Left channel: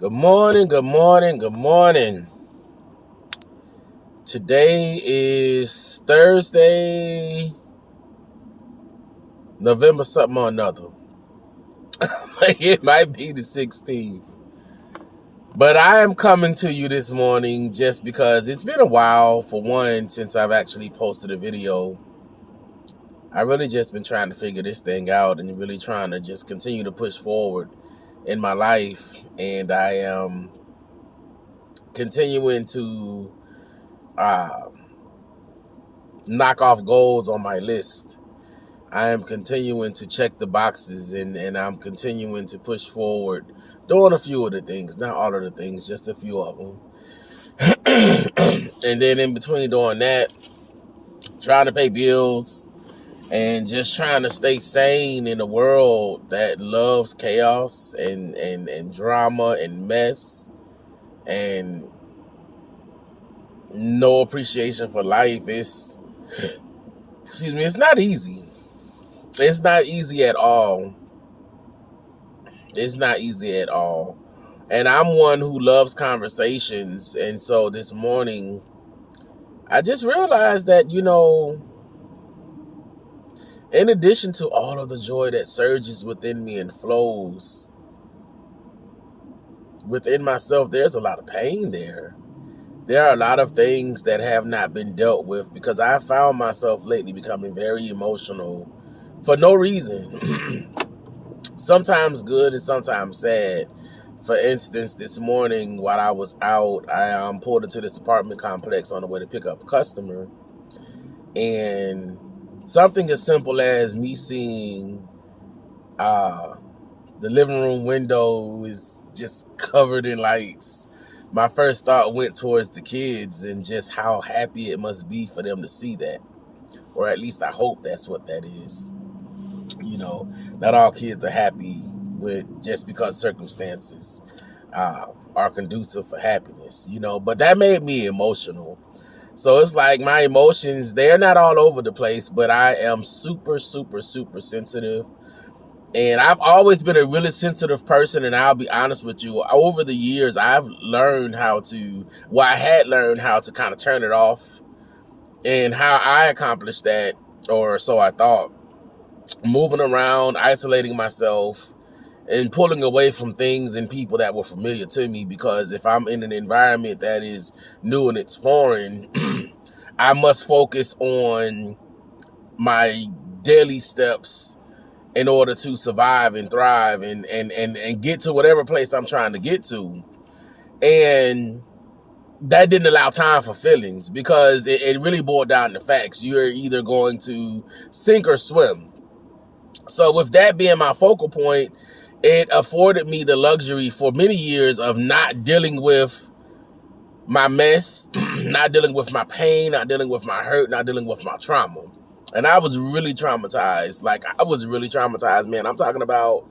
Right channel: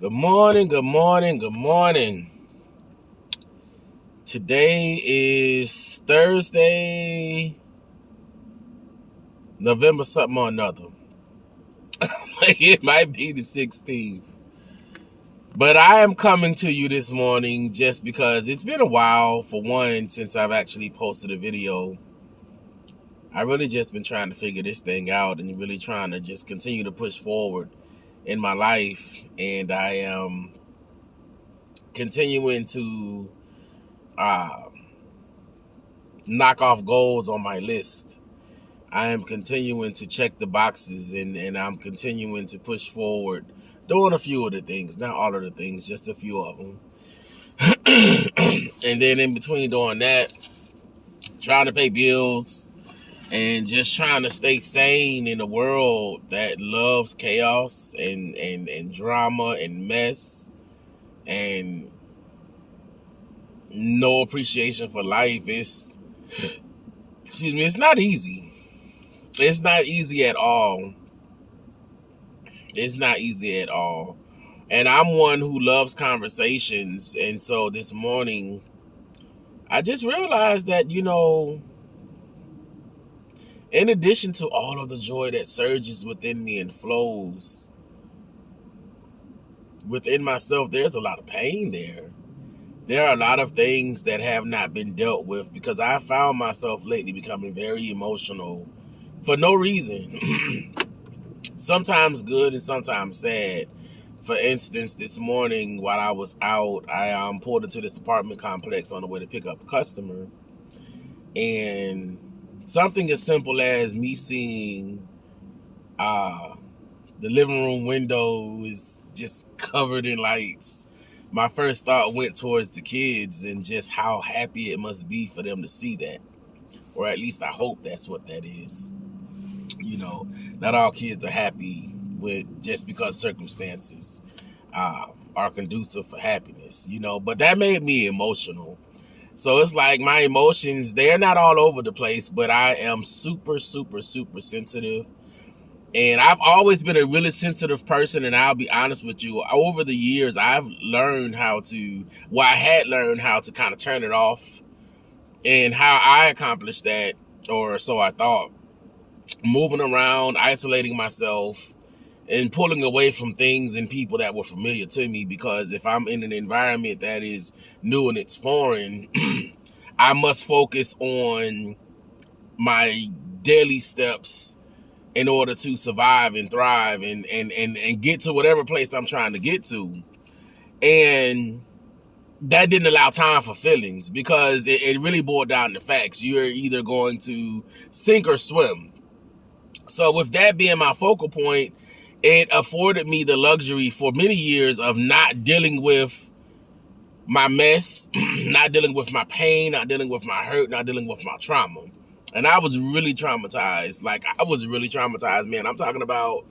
Good morning, good morning, good morning. Today is Thursday, November something or another. It might be the 16th. But I am coming to you this morning just because it's been a while, for one, since I've actually posted a video. I really just been trying to figure this thing out and really trying to just continue to push forward in my life. And I am continuing to knock off goals on my list. I am continuing to check the boxes and I'm continuing to push forward, doing a few of the things, not all of the things, just a few of them. And then in between doing that, trying to pay bills and just trying to stay sane in a world that loves chaos and drama and mess and no appreciation for life. It's not easy. It's not easy at all. It's not easy at all. And I'm one who loves conversations. And so this morning, I just realized that, in addition to all of the joy that surges within me and flows within myself, there's a lot of pain there. There are a lot of things that have not been dealt with because I found myself lately becoming very emotional for no reason. Sometimes good and sometimes sad. For instance, this morning while I was out, I pulled into this apartment complex on the way to pick up a customer. And something as simple as me seeing the living room window is just covered in lights. My first thought went towards the kids and just how happy it must be for them to see that. Or at least I hope that's what that is. Not all kids are happy with just because circumstances are conducive for happiness, but that made me emotional. So it's like my emotions, they're not all over the place, but I am super, super, super sensitive. And I've always been a really sensitive person, and I'll be honest with you, over the years, I had learned how to kind of turn it off. And how I accomplished that, or so I thought, moving around, isolating myself, and pulling away from things and people that were familiar to me. Because if I'm in an environment that is new and it's foreign, I must focus on my daily steps in order to survive and thrive and get to whatever place I'm trying to get to. And that didn't allow time for feelings because it really boiled down to facts. You're either going to sink or swim. So with that being my focal point, it afforded me the luxury for many years of not dealing with my mess, not dealing with my pain, not dealing with my hurt, not dealing with my trauma. And I was really traumatized. Man. I'm talking about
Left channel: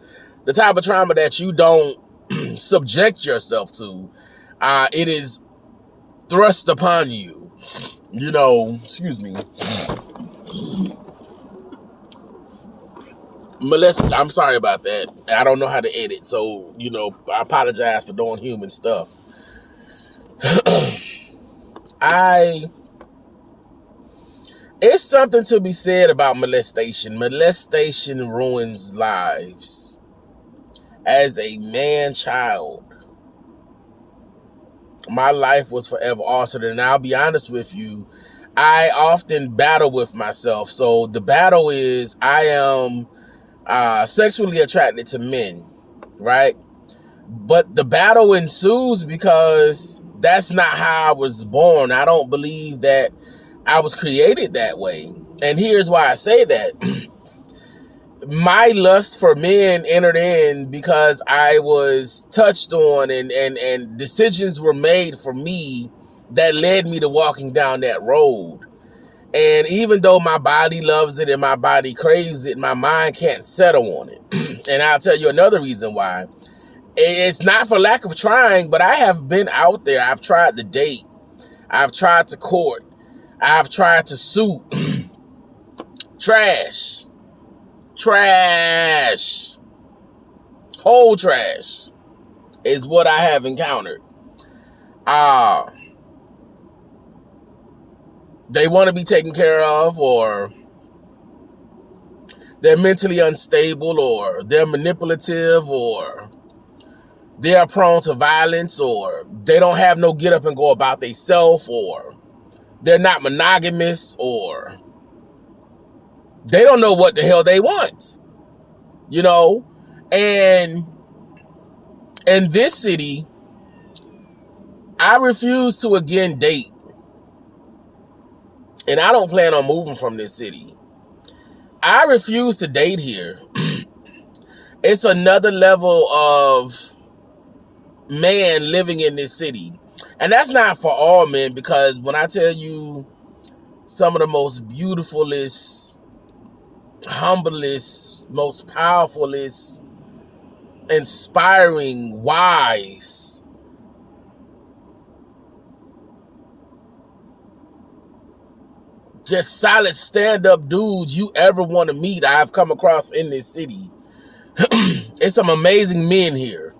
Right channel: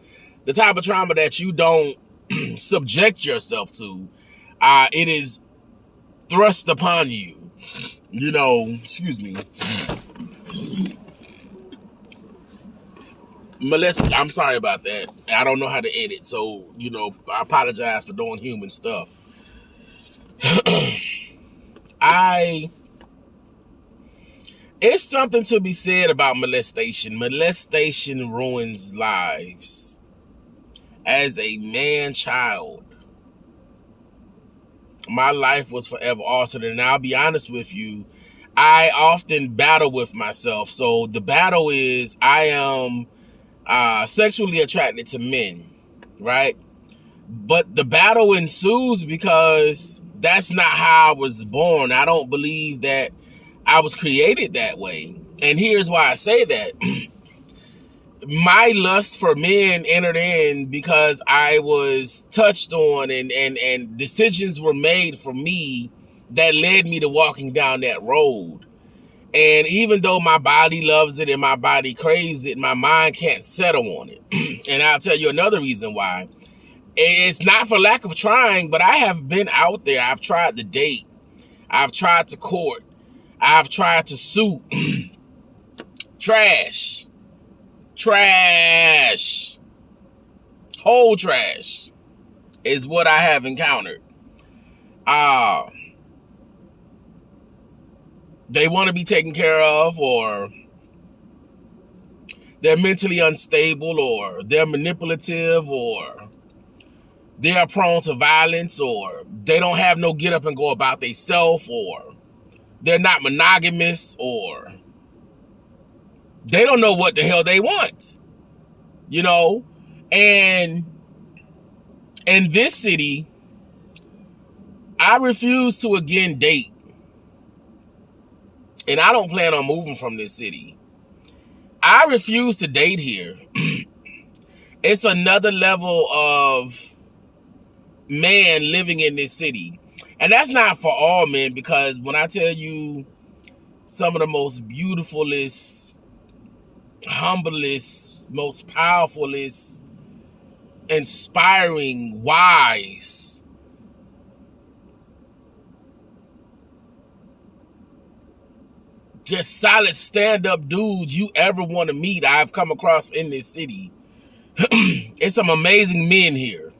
the type of trauma that you don't subject yourself to. It is thrust upon you. Excuse me. I'm sorry about that. I don't know how to edit, so I apologize for doing human stuff. It's something to be said about molestation. Molestation ruins lives. As a man-child, my life was forever altered, and I'll be honest with you, I often battle with myself. So the battle is I am sexually attracted to men, right? But the battle ensues because that's not how I was born. I don't believe that I was created that way. And here's why I say that. My lust for men entered in because I was touched on and decisions were made for me that led me to walking down that road. And even though my body loves it and my body craves it, my mind can't settle on it. And I'll tell you another reason why. It's not for lack of trying, but I have been out there. I've tried to date. I've tried to court. I've tried to suit. Trash. Whole trash. is what I have encountered. They want to be taken care of, or they're mentally unstable, or they're manipulative, or they're prone to violence, or they don't have no get up and go about themselves, or they're not monogamous, or they don't know what the hell they want, you know? And in this city, I refuse to again date. And I don't plan on moving from this city. I refuse to date here. It's another level of man living in this city. And that's not for all men, because when I tell you some of the most beautifulest, humblest, most powerfulest, inspiring, wise, just solid stand-up dudes you ever want to meet, I've come across in this city. It's some amazing men here.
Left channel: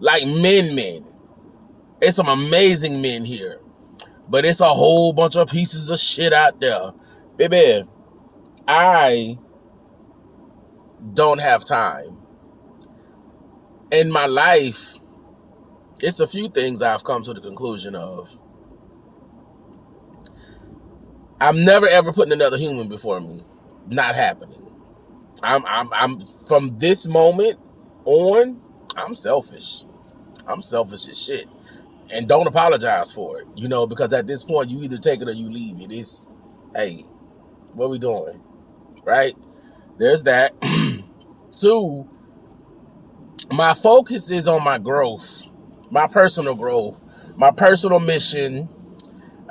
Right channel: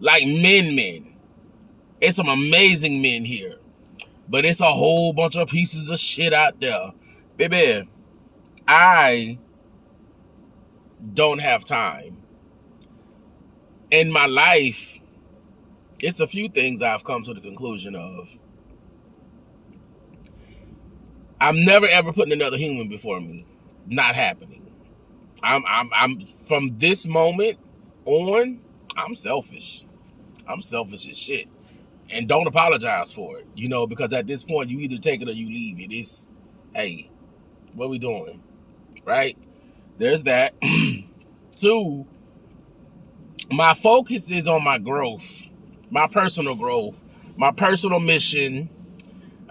Like men. It's some amazing men here. But it's a whole bunch of pieces of shit out there. Baby, I don't have time. In my life, it's a few things I've come to the conclusion of. I'm never ever putting another human before me. Not happening. I'm from this moment on, I'm selfish. I'm selfish as shit. And don't apologize for it, you know, because at this point you either take it or you leave it. It's, hey, what we doing? Right? There's that. 2, my focus is on my growth, my personal growth, my personal mission,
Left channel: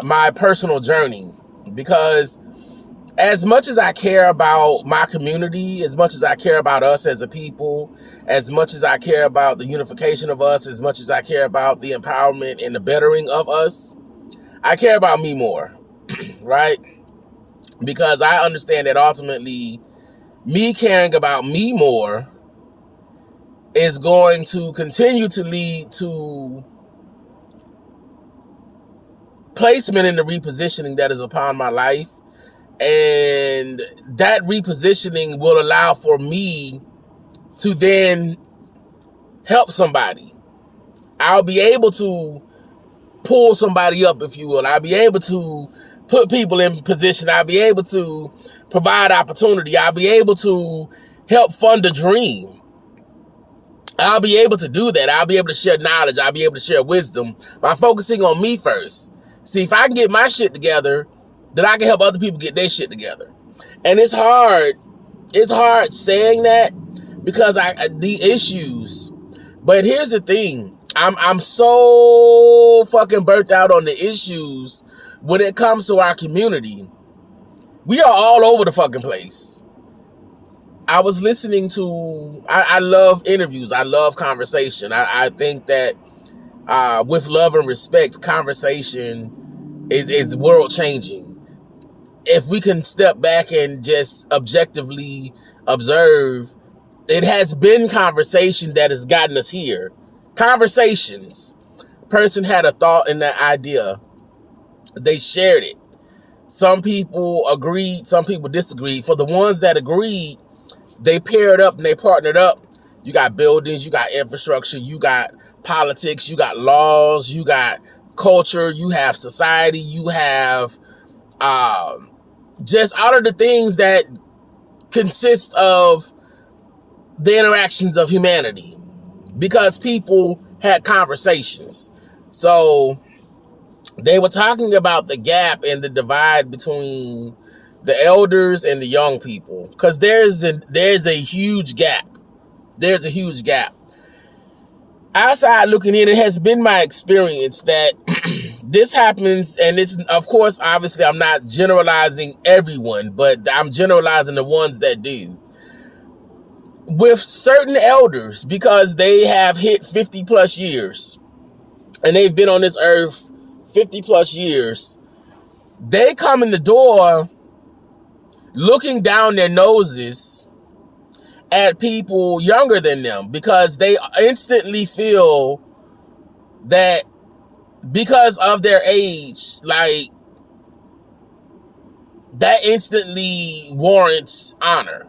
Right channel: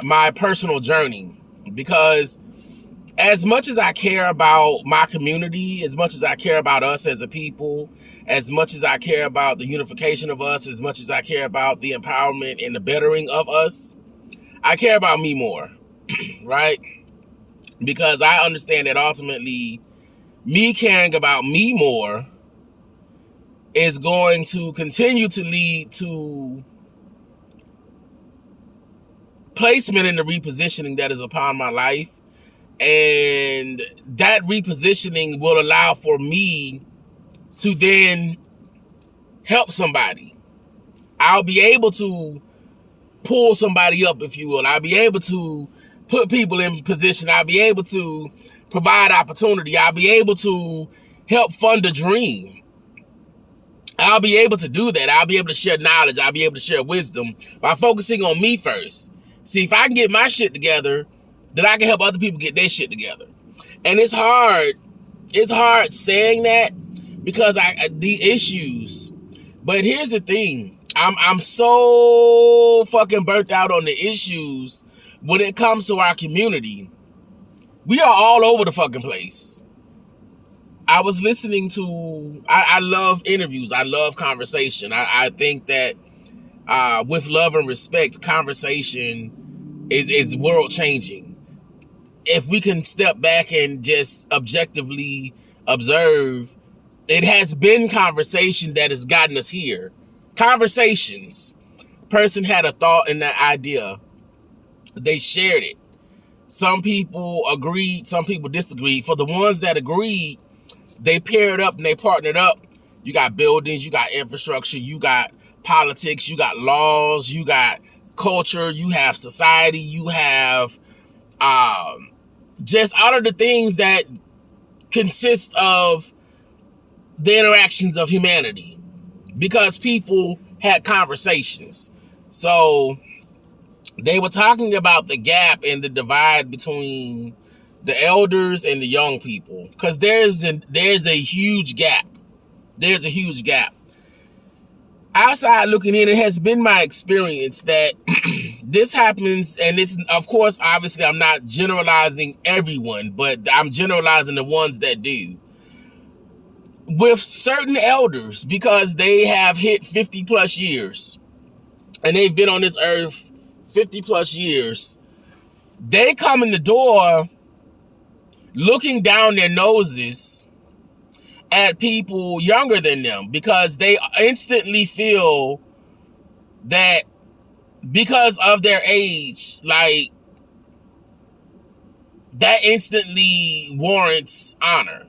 my personal journey. Because as much as I care about my community, as much as I care about us as a people, as much as I care about the unification of us, as much as I care about the empowerment and the bettering of us, I care about me more, right? Because I understand that ultimately me caring about me more is going to continue to lead to placement in the repositioning that is upon my life. And that repositioning will allow for me to then help somebody. I'll be able to pull somebody up, if you will. I'll be able to put people in position. I'll be able to provide opportunity. I'll be able to help fund a dream. I'll be able to do that. I'll be able to share knowledge. I'll be able to share wisdom by focusing on me first. See, if I can get my shit together, then I can help other people get their shit together. And it's hard. It's hard saying that because the issues. But here's the thing. I'm so fucking burnt out on the issues when it comes to our community. We are all over the fucking place. I was listening to, I love interviews. I love conversation. I think that with love and respect, conversation is world changing. If we can step back and just objectively observe, it has been conversation that has gotten us here. Conversations. Person had a thought and that idea. They shared it. Some people agreed, some people disagreed. For the ones that agreed, they paired up and they partnered up. You got buildings, you got infrastructure, you got politics, you got laws, you got culture, you have society, you have just all of the things that consist of the interactions of humanity, because people had conversations. So they were talking about the gap and the divide between the elders and the young people, because there's a huge gap. There's a huge gap. Outside looking in, it has been my experience that this happens, and it's, of course, obviously, I'm not generalizing everyone, but I'm generalizing the ones that do. With certain elders, because they have hit 50 plus years, and they've been on this earth 50 plus years, they come in the door looking down their noses at people younger than them because they instantly feel that because of their age, like, that instantly warrants honor.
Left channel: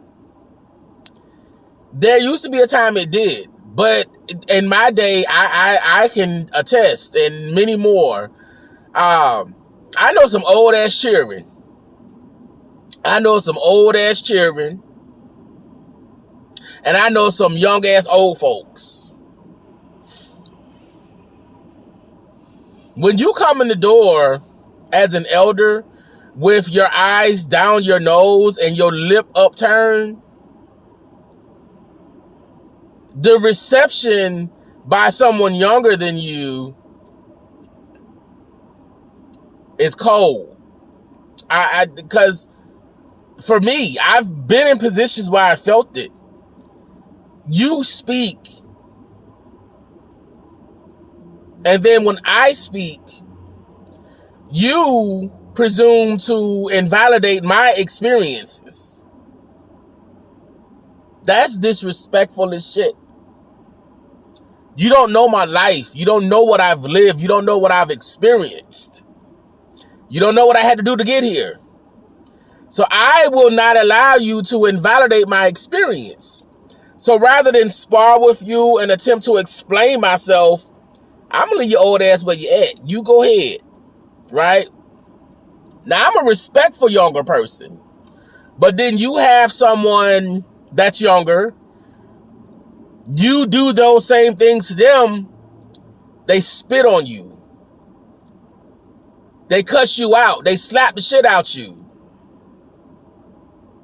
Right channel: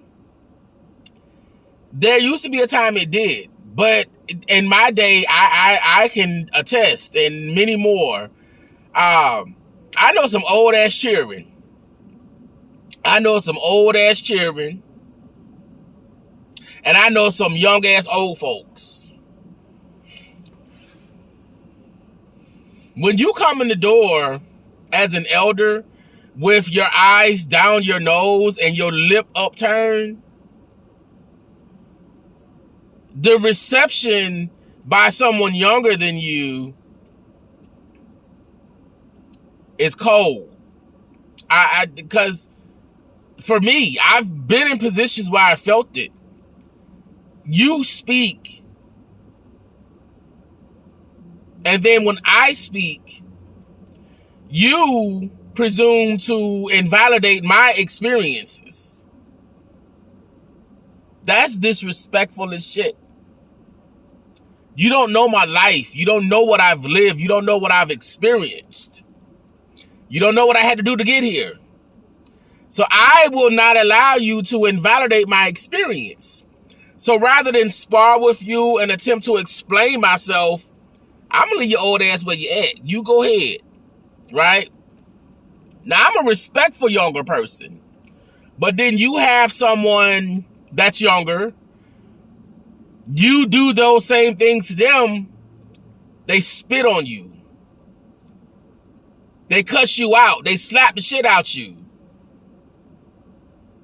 There used to be a time it did, but in my day, I can attest, and many more. I know some old ass children. And I know some young ass old folks. When you come in the door as an elder with your eyes down your nose and your lip upturned, the reception by someone younger than you is cold. Because for me, I've been in positions where I felt it. You speak, and then when I speak, you presume to invalidate my experiences. That's disrespectful as shit. You don't know my life. You don't know what I've lived. You don't know what I've experienced. You don't know what I had to do to get here. So I will not allow you to invalidate my experience. So rather than spar with you and attempt to explain myself, I'm going to leave your old ass where you at. You go ahead, right? Now, I'm a respectful younger person. But then you have someone that's younger. You do those same things to them. They spit on you. They cuss you out. They slap the shit out you.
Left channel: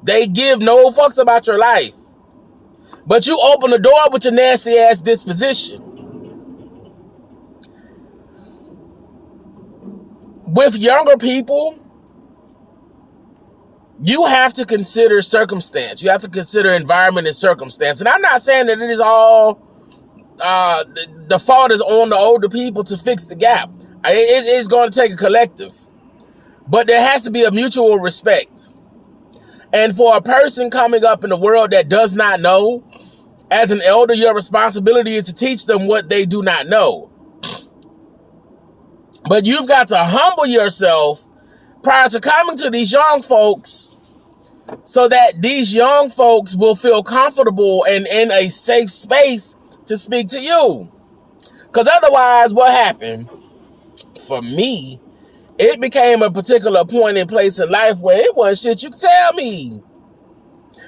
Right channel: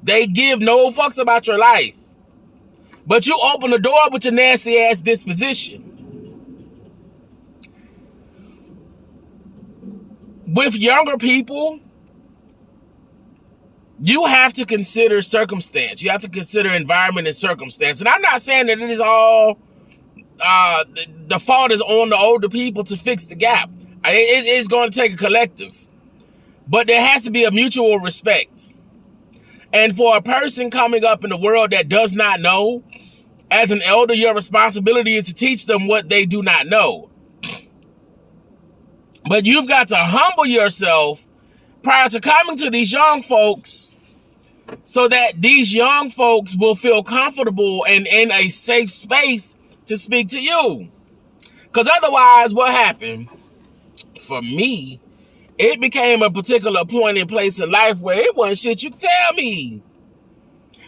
They give no fucks about your life. But you open the door with your nasty ass disposition. With younger people, you have to consider circumstance. You have to consider environment and circumstance. And I'm not saying that it is all, the fault is on the older people to fix the gap. It is going to take a collective. But there has to be a mutual respect. And for a person coming up in the world that does not know, as an elder, your responsibility is to teach them what they do not know. But you've got to humble yourself prior to coming to these young folks so that these young folks will feel comfortable and in a safe space to speak to you. Because otherwise, what happened? For me, it became a particular point in place in life where it wasn't shit you could tell me.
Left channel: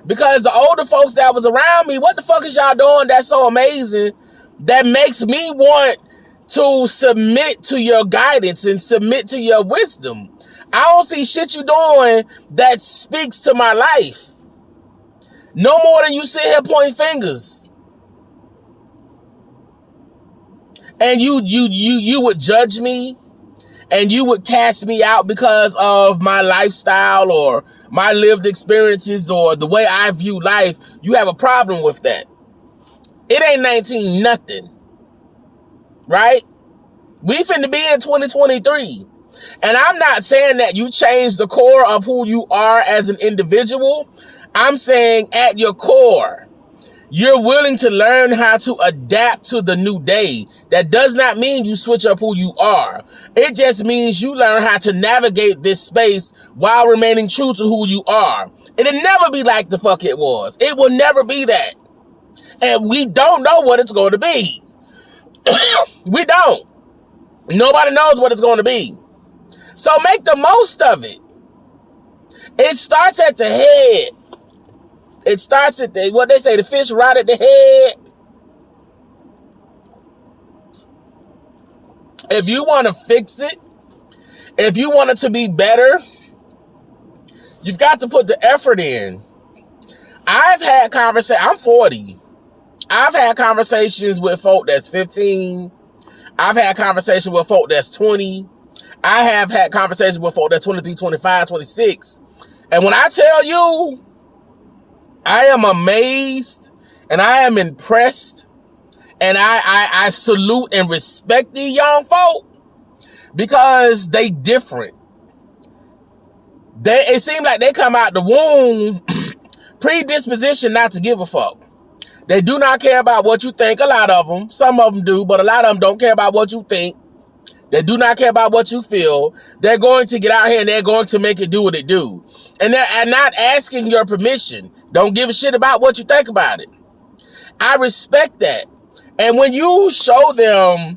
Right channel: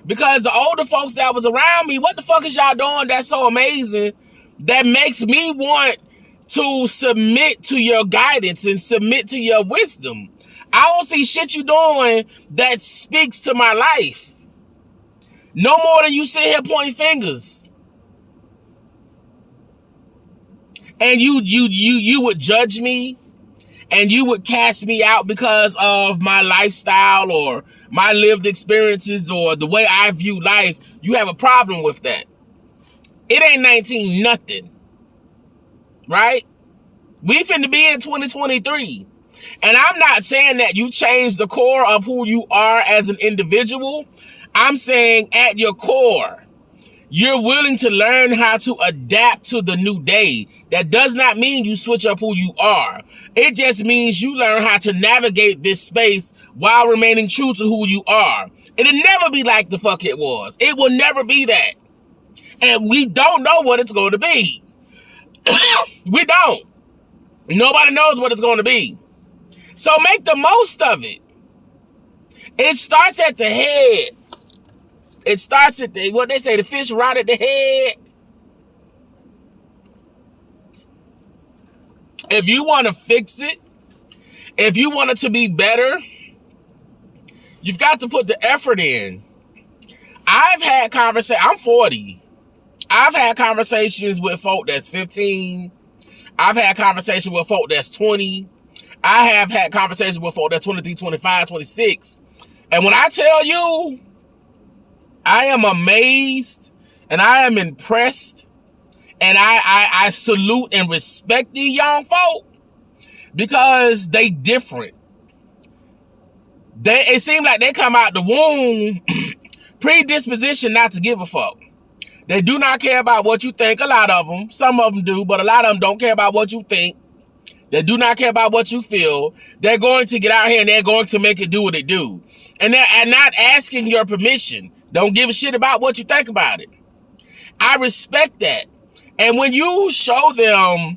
Because the older folks that was around me, what the fuck is y'all doing that's so amazing that makes me want to submit to your guidance and submit to your wisdom? I don't see shit you doing that speaks to my life. No more than you sit here pointing fingers. And you would judge me and you would cast me out because of my lifestyle or my lived experiences or the way I view life. You have a problem with that. It ain't 19 nothing. Right? We finna be in 2023. And I'm not saying that you change the core of who you are as an individual. I'm saying at your core, you're willing to learn how to adapt to the new day. That does not mean you switch up who you are. It just means you learn how to navigate this space while remaining true to who you are. It'll never be like the fuck it was. It will never be that. And we don't know what it's going to be. We don't. Nobody knows what it's going to be. So make the most of it. It starts at the head. It starts at what they say, the fish right at the head. If you want to fix it, if you want it to be better, you've got to put the effort in. I've had conversations, I'm 40. I've had conversations with folk that's 15. I've had conversations with folk that's 20. I have had conversations with folk that's 23, 25, 26. And when I tell you, I am amazed and I am impressed and I salute and respect these young folk because they different. It seems like they come out the womb predisposition not to give a fuck. They do not care about what you think. A lot of them. Some of them do, but a lot of them don't care about what you think. They do not care about what you feel. They're going to get out here and they're going to make it do what it do. And they're not asking your permission. Don't give a shit about what you think about it. I respect that. And when you show them,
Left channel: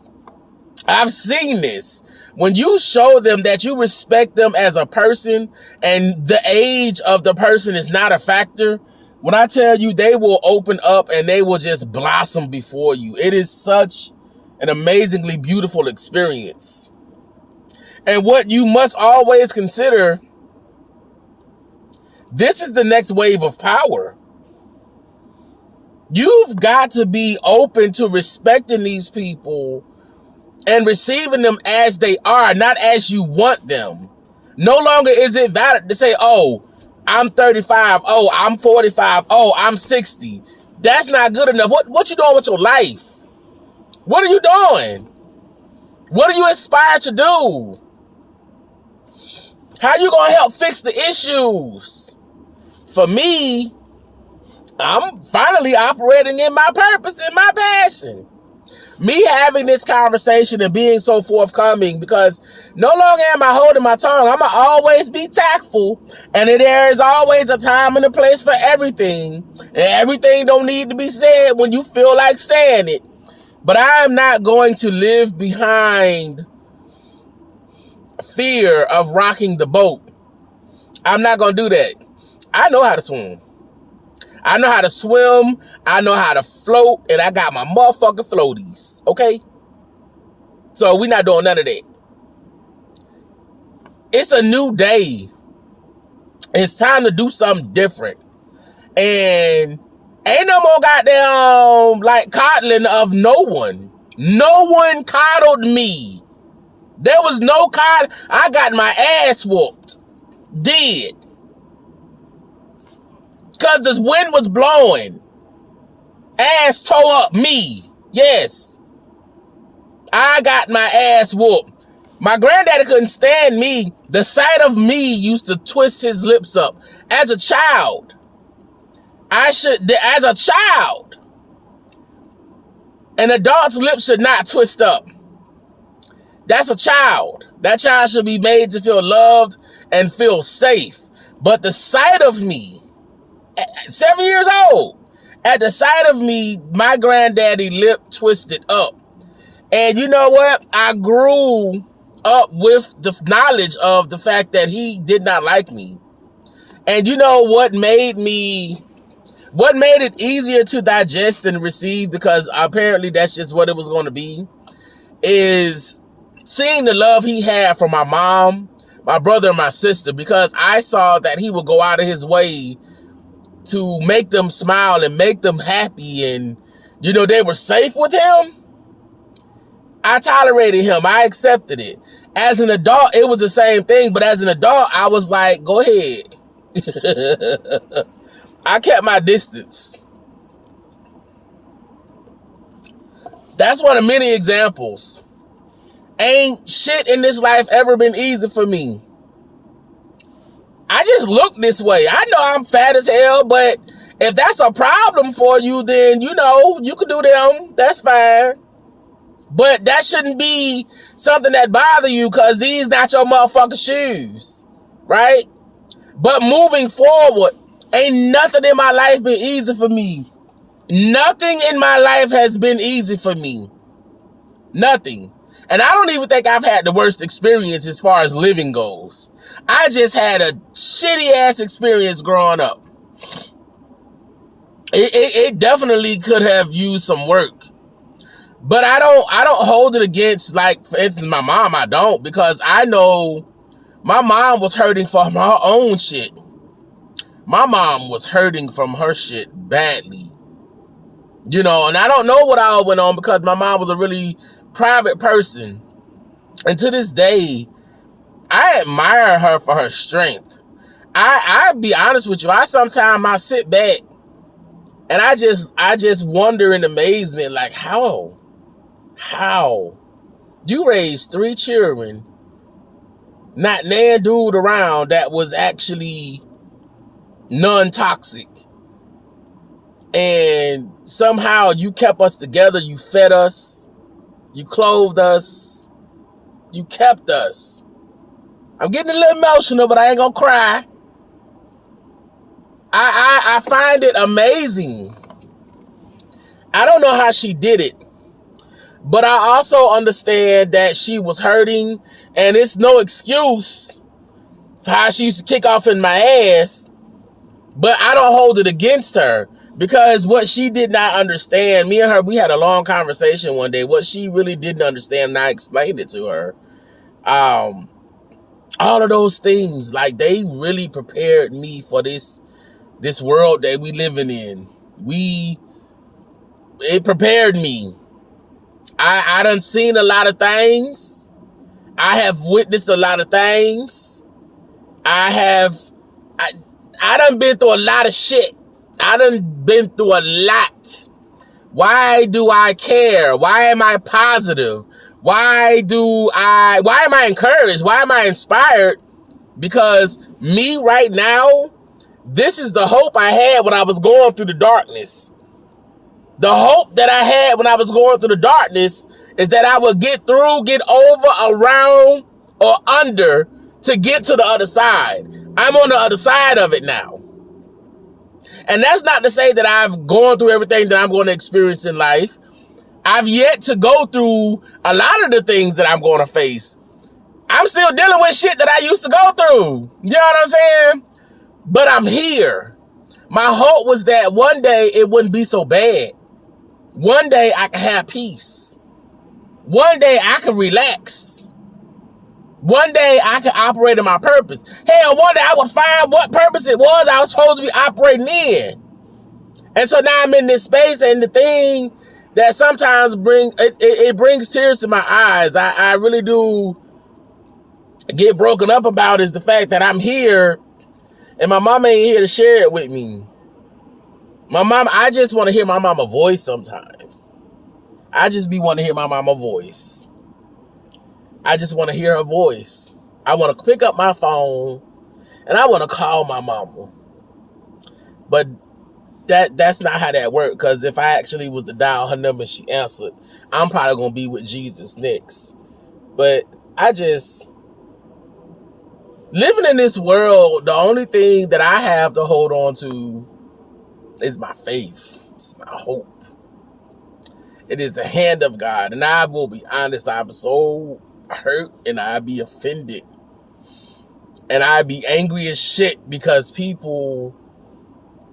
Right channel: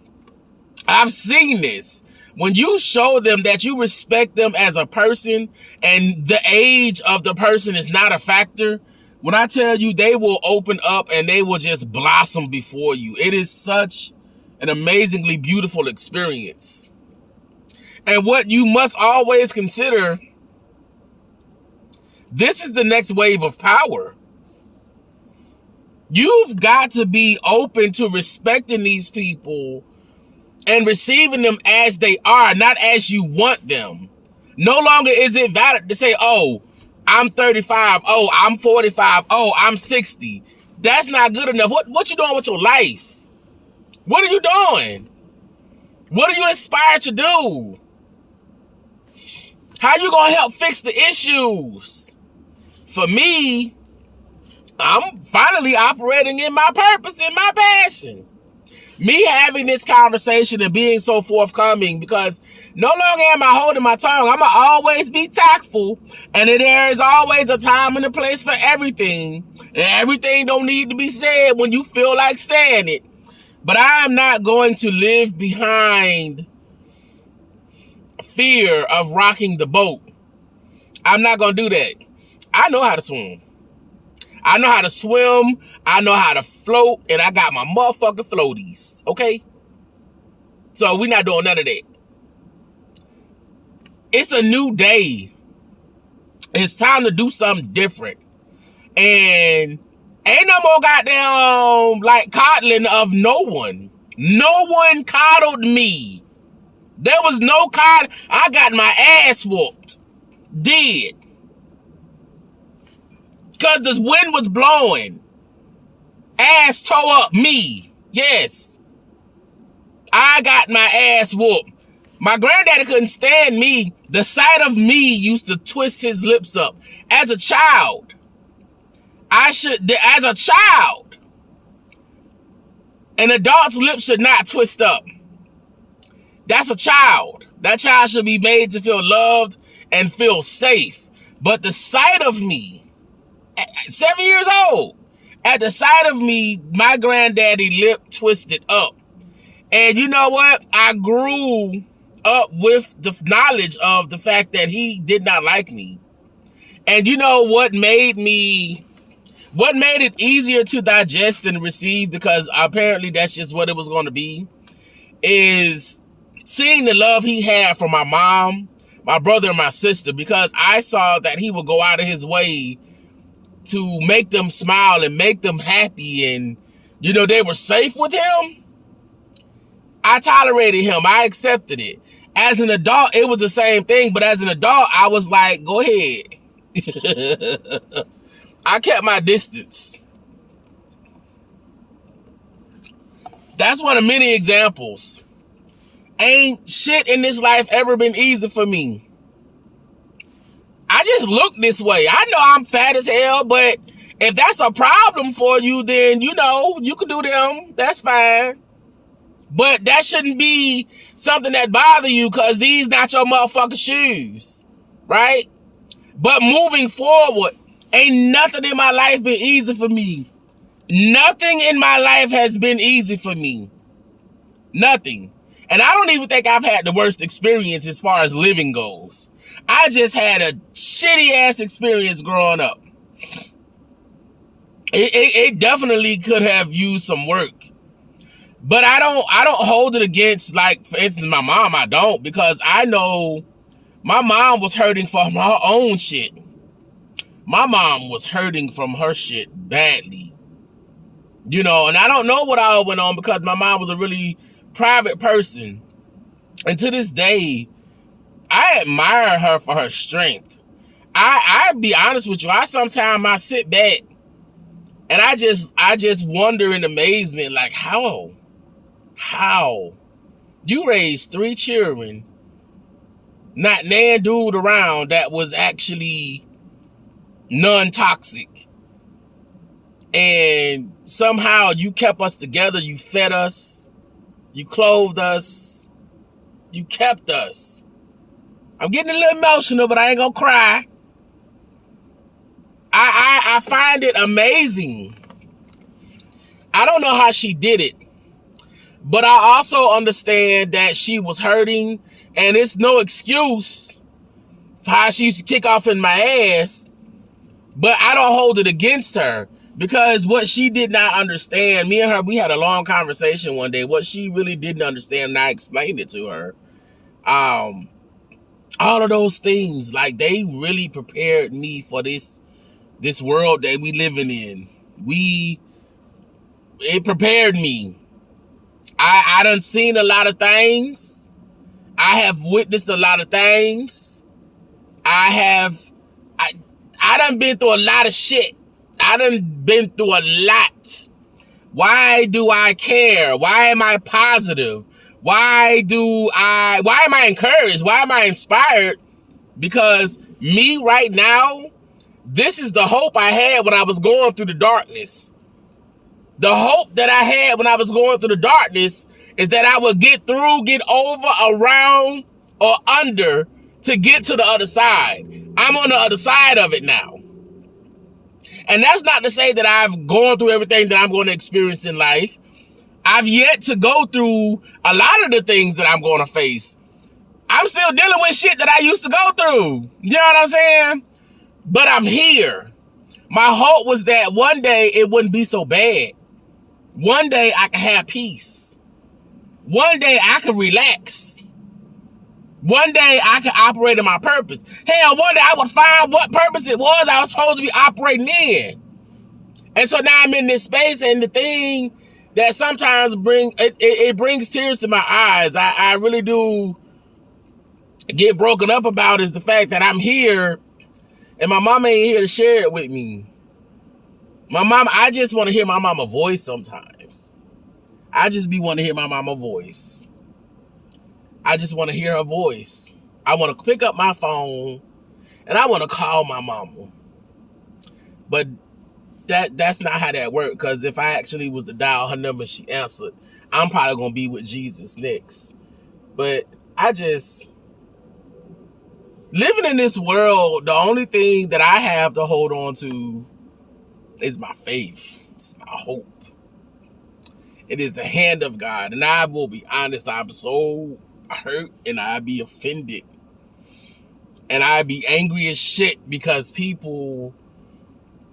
I've seen this, when you show them that you respect them as a person and the age of the person is not a factor, when I tell you, they will open up and they will just blossom before you. It is such an amazingly beautiful experience. And what you must always consider, this is the next wave of power. You've got to be open to respecting these people and receiving them as they are, not as you want them. No longer is it valid to say, oh, I'm 35. Oh, I'm 45. Oh, I'm 60. That's not good enough. What you doing with your life? What are you doing? What are you inspired to do? How you gonna help fix the issues? For me, I'm finally operating in my purpose and my passion. Me having this conversation and being so forthcoming, because no longer am I holding my tongue. I'm gonna always be tactful, and there is always a time and a place for everything. And everything don't need to be said when you feel like saying it. But I am not going to live behind fear of rocking the boat. I'm not going to do that. I know how to swim. I know how to swim. I know how to float. And I got my motherfucking floaties. Okay? So we're not doing none of that. It's a new day. It's time to do something different. And ain't no more goddamn like coddling of no one. No one coddled me. There was no coddling. I got my ass whooped. Did. Because the wind was blowing. Ass tore up me. Yes. I got my ass whooped. My granddaddy couldn't stand me. The sight of me used to twist his lips up. As a child. As a child, an adult's lips should not twist up. That's a child. That child should be made to feel loved and feel safe. But the sight of me, 7 years old, at the sight of me, my granddaddy lip twisted up. And you know what? I grew up with the knowledge of the fact that he did not like me. And you know what made it easier to digest and receive, because apparently that's just what it was going to be, is seeing the love he had for my mom, my brother, and my sister, because I saw that he would go out of his way to make them smile and make them happy, and, you know, they were safe with him. I tolerated him. I accepted it. As an adult, it was the same thing, but as an adult, I was like, go ahead. I kept my distance. That's one of many examples. Ain't shit in this life ever been easy for me. I just look this way. I know I'm fat as hell, but if that's a problem for you, then, you know, you can do them. That's fine. But that shouldn't be something that bother you, because these not your motherfucking shoes. Right? But moving forward, ain't nothing in my life been easy for me. Nothing in my life has been easy for me. Nothing. And I don't even think I've had the worst experience as far as living goes. I just had a shitty ass experience growing up. It definitely could have used some work. But I don't hold it against, like, for instance, my mom. I don't, because I know my mom was hurting from her own shit. My mom was hurting from her shit badly. You know, and I don't know what all went on, because my mom was a really private person. And to this day, I admire her for her strength. I be honest with you, I sit back and I just wonder in amazement, like, how you raised 3 children, not nan dude around that was actually non-toxic, And somehow you kept us together. You fed us. You clothed us. You kept us. I'm getting a little emotional, but I ain't gonna cry. I find it amazing. I don't know how she did it, but I also understand that she was hurting, and it's no excuse for how she used to kick off in my ass, but I don't hold it against her, because what she did not understand, me and her, we had a long conversation one day, what she really didn't understand, and I explained it to her, all of those things, like, they really prepared me for this world that we living in. It prepared me. I done seen a lot of things. I have witnessed a lot of things. I done been through a lot of shit. I done been through a lot. Why do I care? Why am I positive? Why am I encouraged? Why am I inspired? Because me right now, this is the hope I had when I was going through the darkness. The hope that I had when I was going through the darkness is that I would get through, get over, around, or under to get to the other side. I'm on the other side of it now. And that's not to say that I've gone through everything that I'm going to experience in life. I've yet to go through a lot of the things that I'm going to face. I'm still dealing with shit that I used to go through. You know what I'm saying? But I'm here. My hope was that one day it wouldn't be so bad. One day I could have peace. One day I could relax. One day I could operate in my purpose. Hell, one day I would find what purpose it was I was supposed to be operating in. And so now I'm in this space, and the thing that sometimes brings tears to my eyes, I really do get broken up about, is the fact that I'm here and my mama ain't here to share it with me. My mom, I just want to hear my mama voice sometimes. I just be want to hear my mama voice. I just want to hear her voice. I want to pick up my phone and I want to call my mama. But that's not how that worked, because if I actually was to dial her number and she answered, I'm probably going to be with Jesus next. But living in this world, the only thing that I have to hold on to is my faith. It's my hope. It is the hand of God. And I will be honest, I'm so hurt and I be offended. And I be angry as shit because people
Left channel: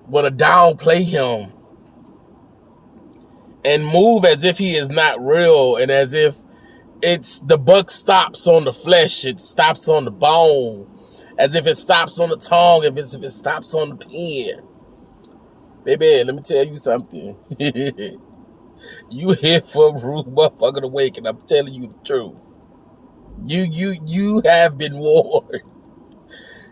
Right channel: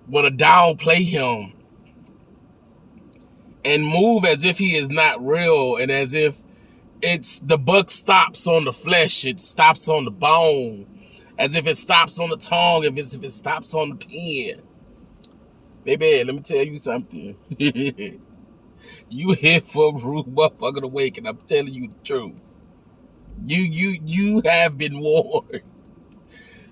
want to downplay him and move as if he is not real, and as if it's the buck stops on the flesh, it stops on the bone, as if it stops on the tongue, if it stops on the pen. Baby, let me tell you something. You here for a rude motherfucker to wake, and I'm telling you the truth. You have been warned.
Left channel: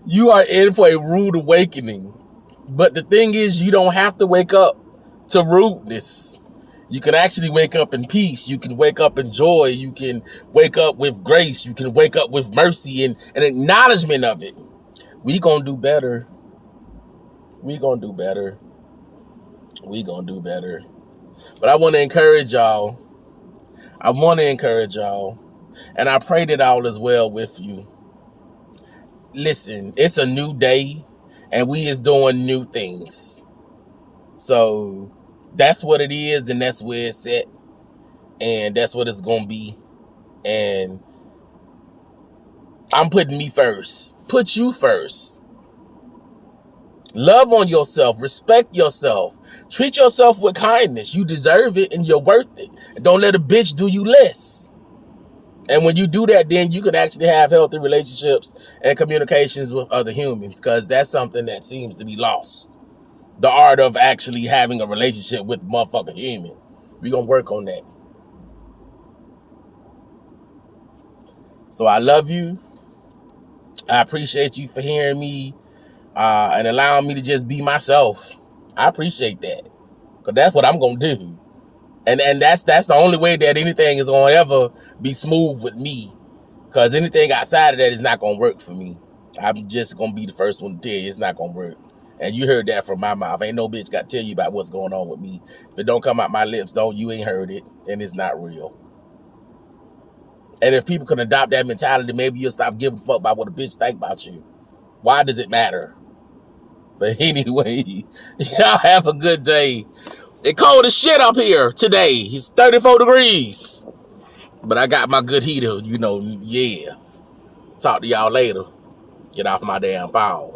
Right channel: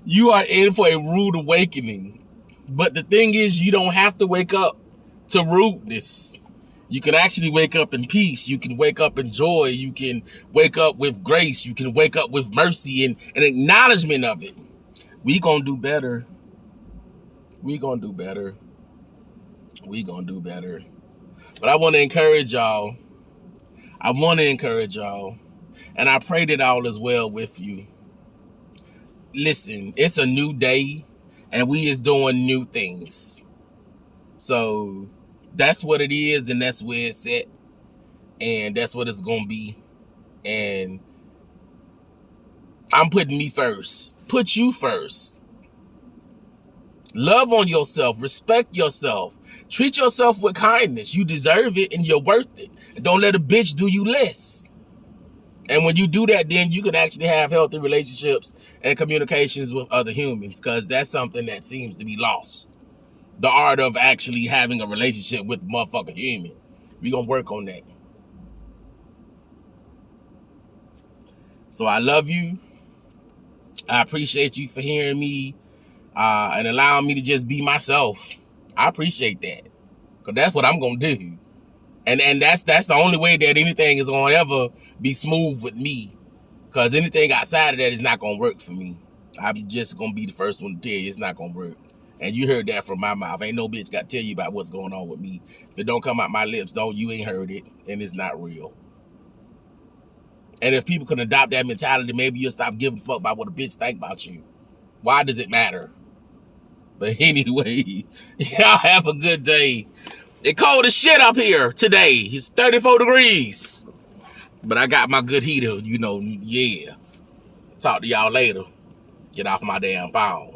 You are in for a rude awakening. But the thing is, you don't have to wake up to rudeness. You can actually wake up in peace. You can wake up in joy. You can wake up with grace. You can wake up with mercy and an acknowledgement of it. We gonna do better. We gonna do better. We gonna do better. But I want to encourage y'all. And I pray that all is well with you. Listen, it's a new day, and we is doing new things. So that's what it is, and that's where it's at, and that's what it's gonna be. And I'm putting me first. Put you first. Love on yourself. Respect yourself. Treat yourself with kindness. You deserve it, and you're worth it. And don't let a bitch do you less. And when you do that, then you can actually have healthy relationships and communications with other humans, because that's something that seems to be lost. The art of actually having a relationship with a motherfucking human. We're going to work on that. So I love you. I appreciate you for hearing me and allowing me to just be myself. I appreciate that, because that's what I'm going to do. And that's the only way that anything is going to ever be smooth with me, because anything outside of that is not going to work for me. I'm just going to be the first one to tell you it's not going to work. And you heard that from my mouth. Ain't no bitch got to tell you about what's going on with me. If it don't come out my lips, you ain't heard it, and it's not real. And if people can adopt that mentality, maybe you'll stop giving a fuck about what a bitch think about you. Why does it matter? But anyway, y'all have a good day. It's cold as shit up here today. It's 34 degrees. But I got my good heater, yeah. Talk to y'all later. Get off my damn phone.